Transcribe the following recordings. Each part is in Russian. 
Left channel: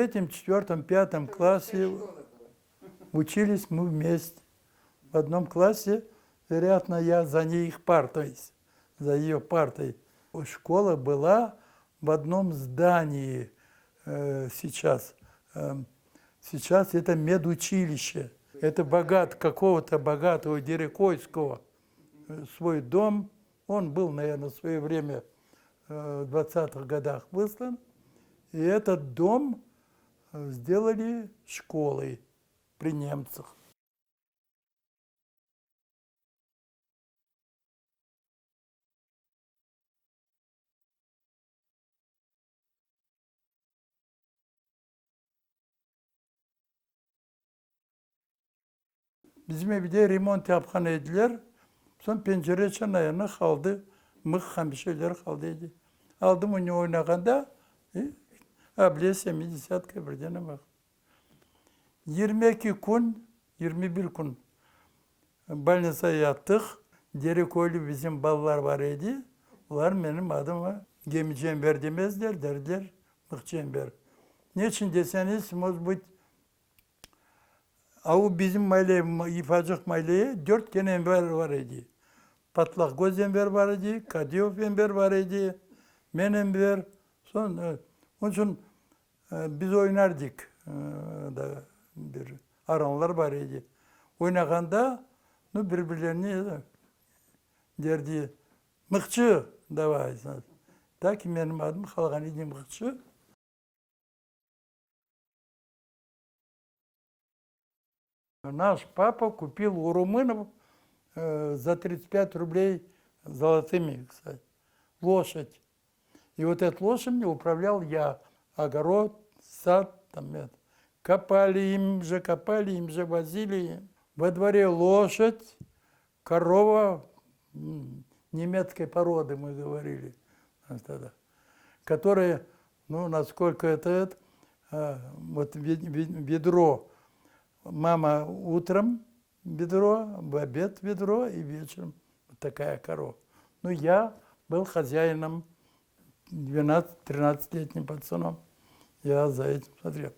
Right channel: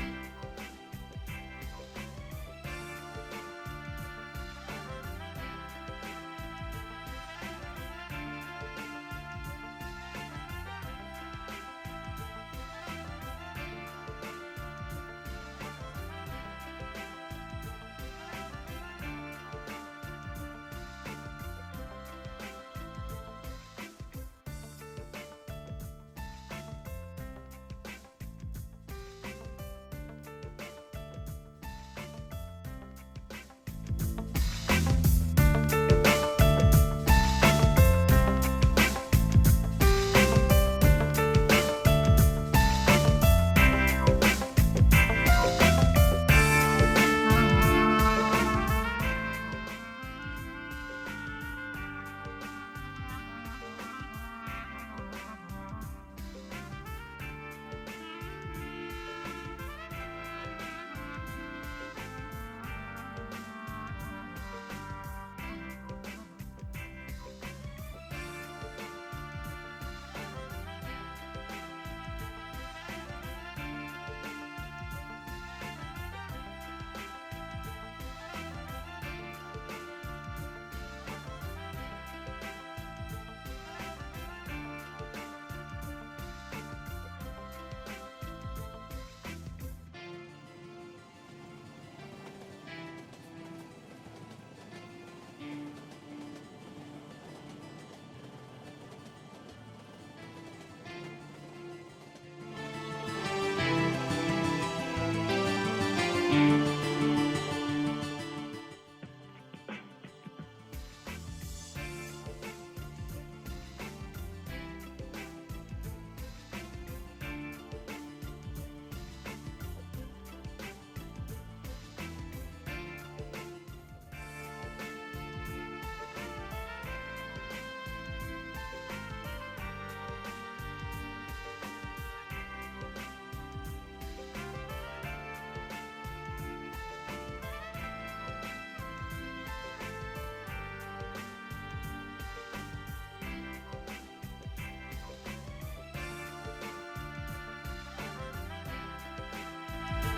третьем, четвертом, пятом классе учились мы вместе. В одном классе, вероятно, я за их партой, за ее партой. Школа была в одном здании сейчас. Сейчас это медучилище. Это какого-то богатого Дерекойского свой дом. Он был, наверное, в свое время в 20-х годах выслан. И этот дом сделали школой при немцах. Bizimde remont yapkan ediler. Son pencere çanayana kaldı. Mıhkan bir şeyler kaldıydı. Aldım onu oynaganda. Abiye senin isat kıbrıdığına var. 22 gün, 21 gün больницaya yattık. Derikoylu bizim ballar var idi. Var benim adım var. Gemi Cember demezler, derler. Yok Cember. Niçin deseniz, может быть, bizim mahalle, İfacık mahalleye 4 tane enver var idi. Patlak Göz enver var idi, Kadiyov enver var idi, men enver. Sonra, onun için biz oynardık. Aranlar var idi. Oynaganda birbirlerini derdi, mıkçı davay. Ta ki benim adım kalgan idi mıkçı. Наш папа купил у румынов за 35 рублей золотыми, кстати, лошадь. И вот этой лошадью управлял я. Огород, сад, там, копали им же, возили. Во дворе лошадь, корова, немецкой породы, мы говорили, которая, насколько это вот ведро. Мама утром ведро, в обед ведро и вечером такая корова. Я был хозяином 12-13-летним пацаном. Я за этим смотрел.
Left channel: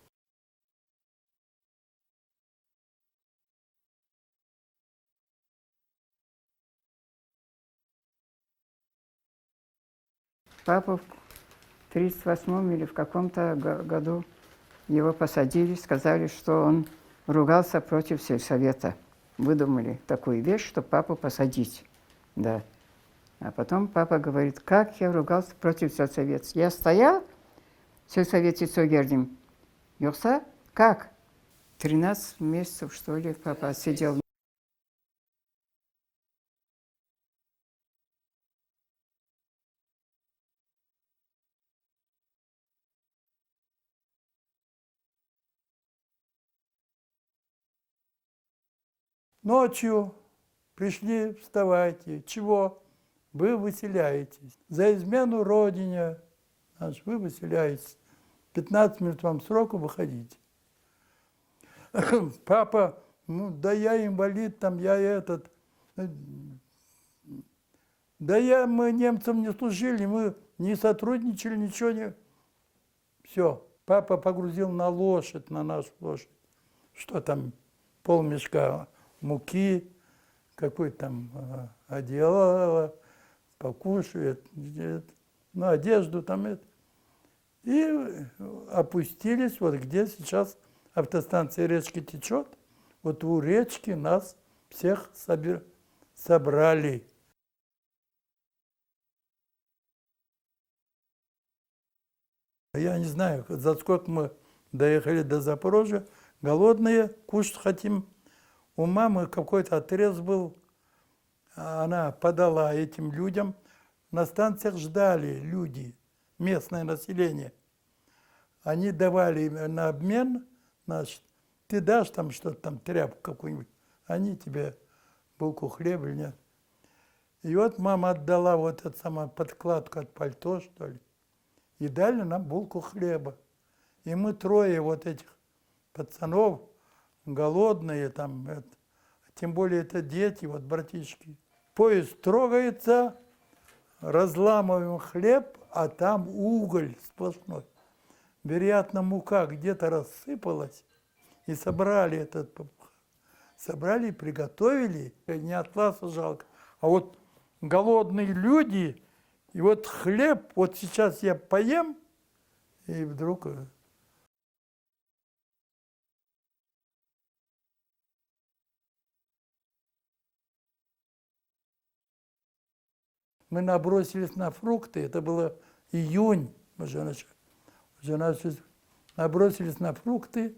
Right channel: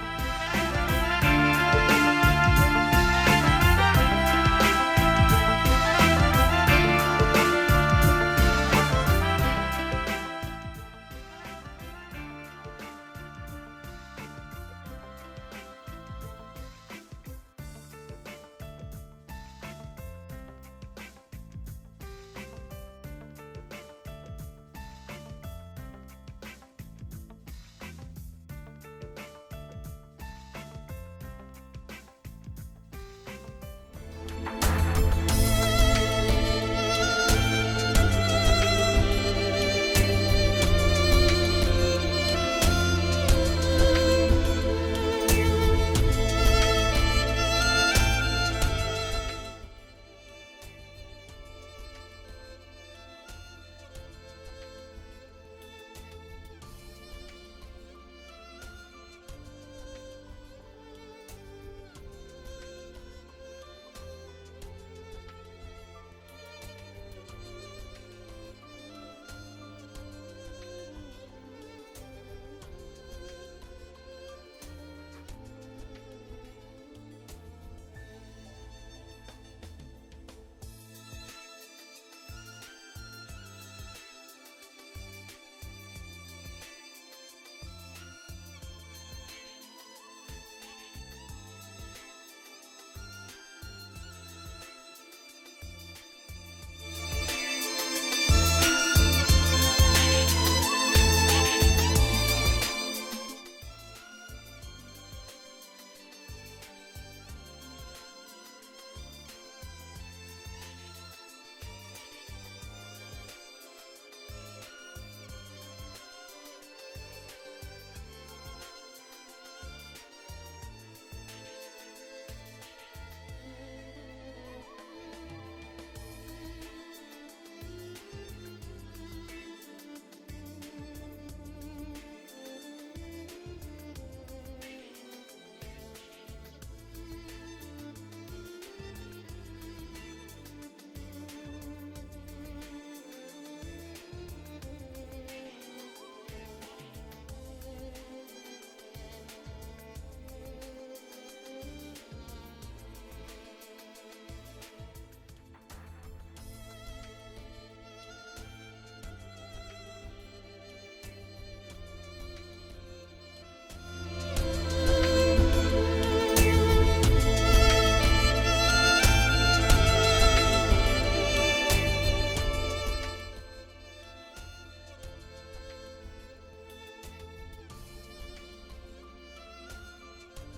Папу в 1938 или в каком-то году его посадили, сказали, что он ругался против сельсовета. Выдумали такую вещь, чтобы папу посадить. Да. А потом папа говорит, как я ругался против сельсовета. Я стоял в сельсовете Согердим. Йокса, как? 13 месяцев, что ли, папа сидел. Ночью пришли, вставайте. Чего? Вы выселяетесь. За измену Родине, значит, вы выселяетесь. 15 минут вам сроку выходите. Папа, да я инвалид, там я этот. Да мы немцам не служили, мы не сотрудничали, ничего не. Все, папа погрузил на лошадь, на нашу лошадь. Что там, полмешка муки, какой-то там одеяло, покушает, одежду там это. И опустились, вот где сейчас автостанция речки течет, вот у речки нас всех собрали. Я не знаю, за сколько мы доехали до Запорожья, голодные, кушать хотим. У мамы какой-то отрез был, она подала этим людям. На станциях ждали люди, местное население. Они давали на обмен, значит, ты дашь там что-то, там тряпку какую-нибудь, они тебе булку хлеба или нет. И вот мама отдала вот эту самую подкладку от пальто, что ли, и дали нам булку хлеба. И мы трое вот этих пацанов, голодные там, тем более это дети, вот братишки. Поезд трогается, разламываем хлеб, а там уголь сплошной. вероятно, мука где-то рассыпалась, и собрали этот, собрали и приготовили, и не атласа жалко. А вот голодные люди, и вот хлеб, вот сейчас я поем, и вдруг... Мы набросились на фрукты, это было июнь, уже набросились на фрукты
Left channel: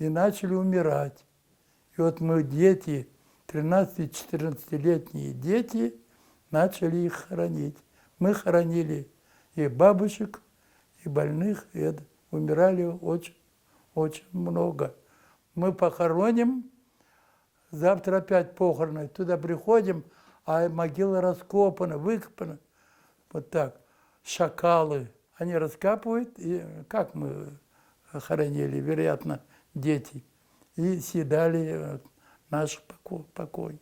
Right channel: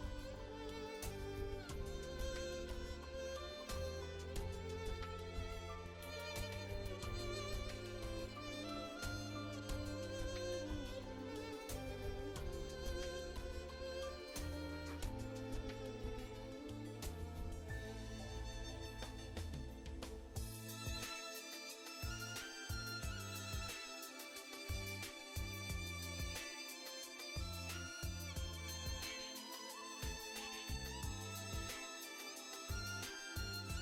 и начали умирать. И вот мы, дети, 13-14-летние дети, начали их хоронить. Мы хоронили и бабушек, и больных, и это. Умирали очень много. Мы похороним, завтра опять похороны, туда приходим, а могила раскопана, выкопана. Вот так. Шакалы. Они раскапывают, и как мы хоронили, вероятно, дети. И съедали наших покойников.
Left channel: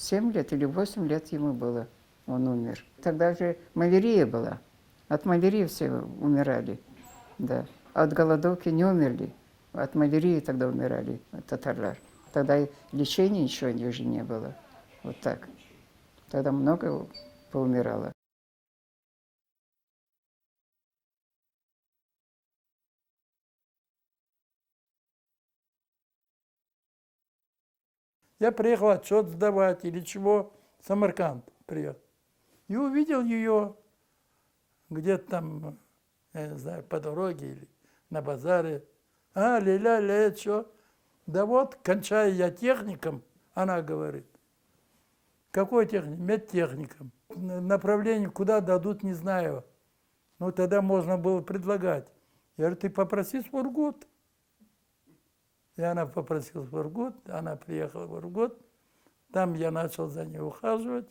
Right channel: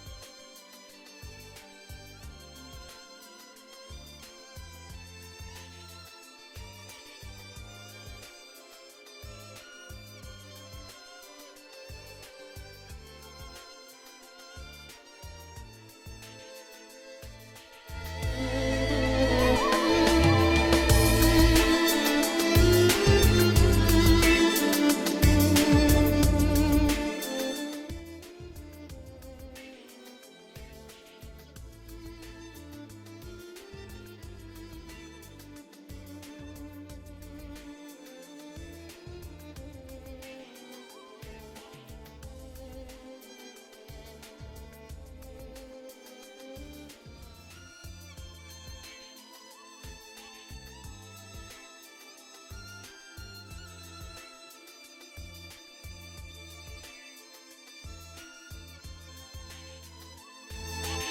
Семь лет или 8 лет ему было, он умер. Тогда же малярия была. От малярии все умирали, да. От голодовки не умерли, от малярии тогда умирали, от татар. Тогда и лечения ничего уже не было. Вот так. Тогда много поумирало. Я приехал отчет сдавать или чего, в Самарканд приехал. И увидел ее где-то там, я не знаю, по дороге или на базаре. А, ля-ля-ля, это что? Да вот, кончаю я техником, она говорит. Какой техник? Медтехником. Направление куда дадут, не знаю. Ну, тогда можно было предлагать. Я говорю, ты попроси Сургут. И она попросила Сургут, она приехала в Сургут. Там я начал за ней ухаживать.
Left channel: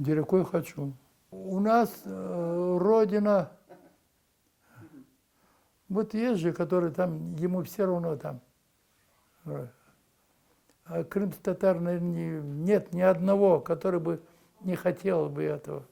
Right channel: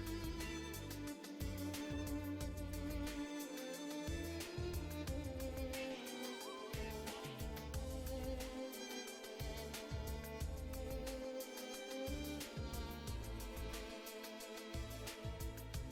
Где какой хочу. У нас родина, вот есть же, который там, ему все равно там. А крымских татар, наверное, нет ни одного, который бы не хотел бы этого.